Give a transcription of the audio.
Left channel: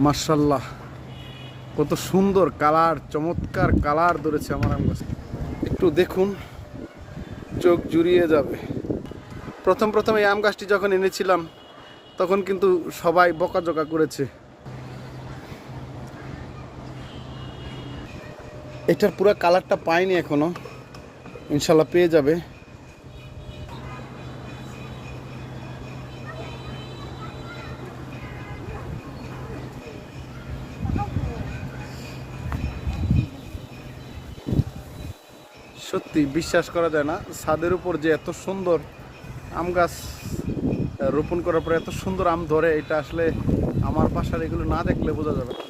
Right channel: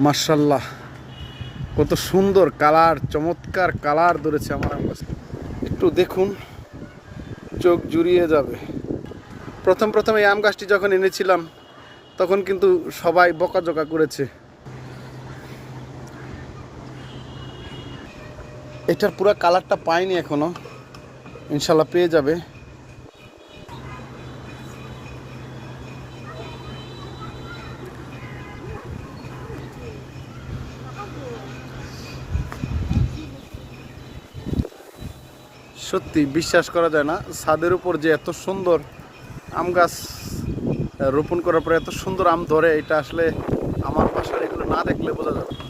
মাশাআল্লাহ, কত সুন্দর কালার, চমৎকার কালার ধরেছে আমার আম গাছ। একটু দেখুন, চোখ জুড়িয়ে যাবে। প্রথম প্রথম এই আম গাছটি যখন এনেছিলাম তখন কিন্তু সবাই বকাঝকা করেছে। এটার পুরো কালারটা পাইনি এখনো, ইনশাল্লাহ পেয়ে যাবে। সত্যি বিশ্বাস করা যায় না, ছাদের উপর যে এত সুন্দর আম গাছ রোপণ করার পরে এত সুন্দর আম ধরে, এটা আসলে আমার বাসার এগুলো না দেখলে বোঝা যাবে না।